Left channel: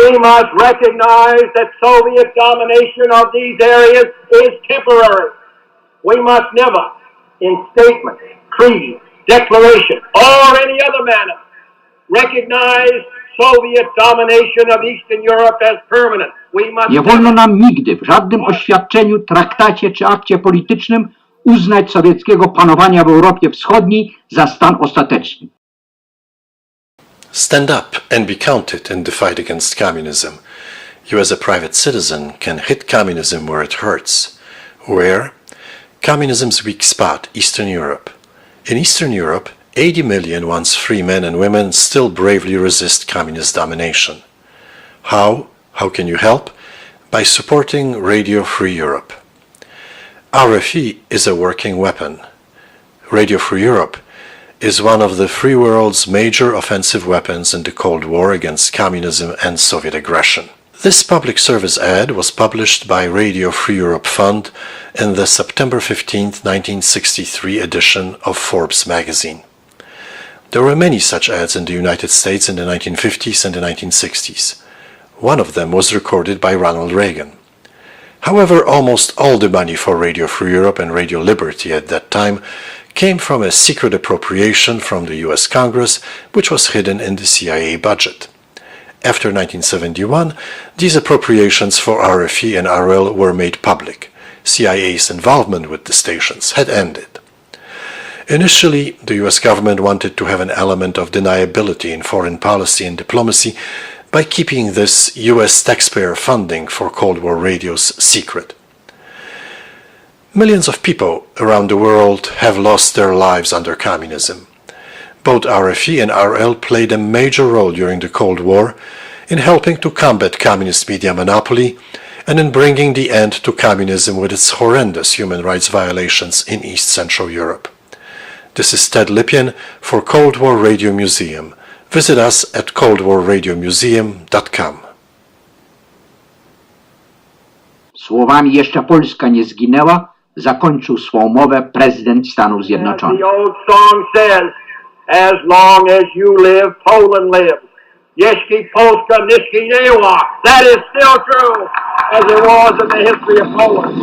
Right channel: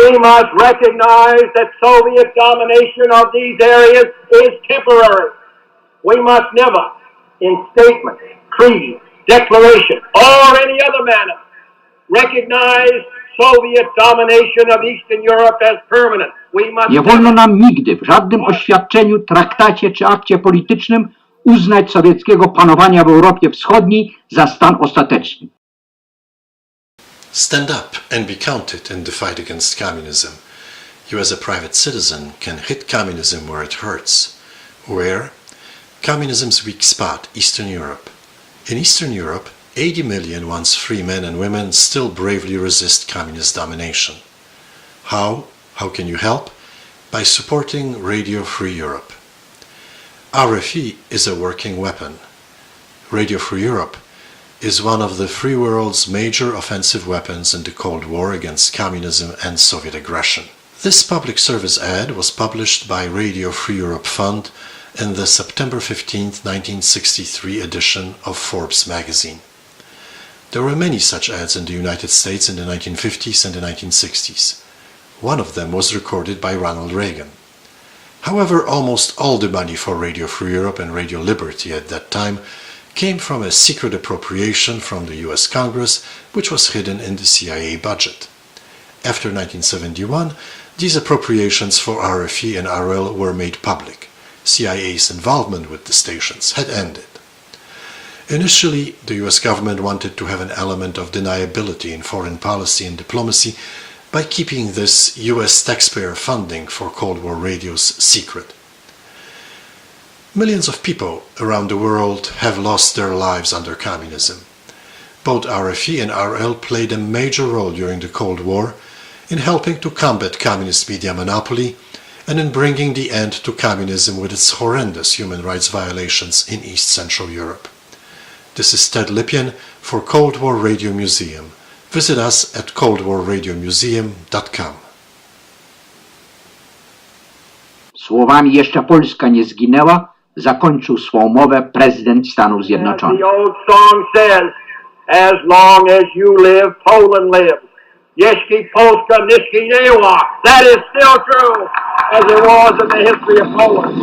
We must recognize that Soviet domination of these areas is temporary. We must never, in statement, creed, declaration, or any other manner, recognize Soviet domination of Eastern Europe as permanent. We must Nie wolno nam nigdy w żadnym oświadczeniu, traktacie czy akcie politycznym uznać sowieckiego panowania w Europie Wschodniej za stan ostateczny. Stand up and be counted in the fight against communism. You as a private citizen can hit communism where it hurts. Where? Communism's weak spot, Eastern Europe. In Eastern Europe, 80 million once free men and women still bravely resist communist domination. How? How can you help? By supporting Radio Free Europe. RFE is a working weapon. Radio Free Europe is one of the free world's major offensive weapons in the Cold War against communism and Soviet aggression. This public service ad was published by Radio Free Europe Fund in the September 15, 1963 edition of Forbes magazine. There were many such ads in the United States in the 1950s and the 1960s. One of them was recorded by Ronald Reagan. However, almost all the money for Radio Free Europe and Radio Liberty at that time came from a secret appropriation from the US Congress, which was hidden in the CIA budget. After 1971, these appropriations for RFE and RL were made public. CIA's involvement with the stations had ended. Initially, the US government wanted to have an element of deniability in foreign policy and diplomacy by keeping this US taxpayer funding for Cold War radios secret. Millions of people around the world have lost their lives under communism. Both RFE and RL played a major role during the Cold War in helping to combat communist media monopoly and in bringing the end to communism with its horrendous human rights violations in East Central Europe. This is Ted Lipien for Cold War Radio Museum. Visit us at coldwarradiomuseum.com. Słowami "jeszcze Polska nie zginęła" zakończył swą mowę prezydent Stanów Zjednoczonych. The old song says, as long as you live, Poland lives. Jeśli Polska nie zginęła. That is still true, as it was in the history of Poland.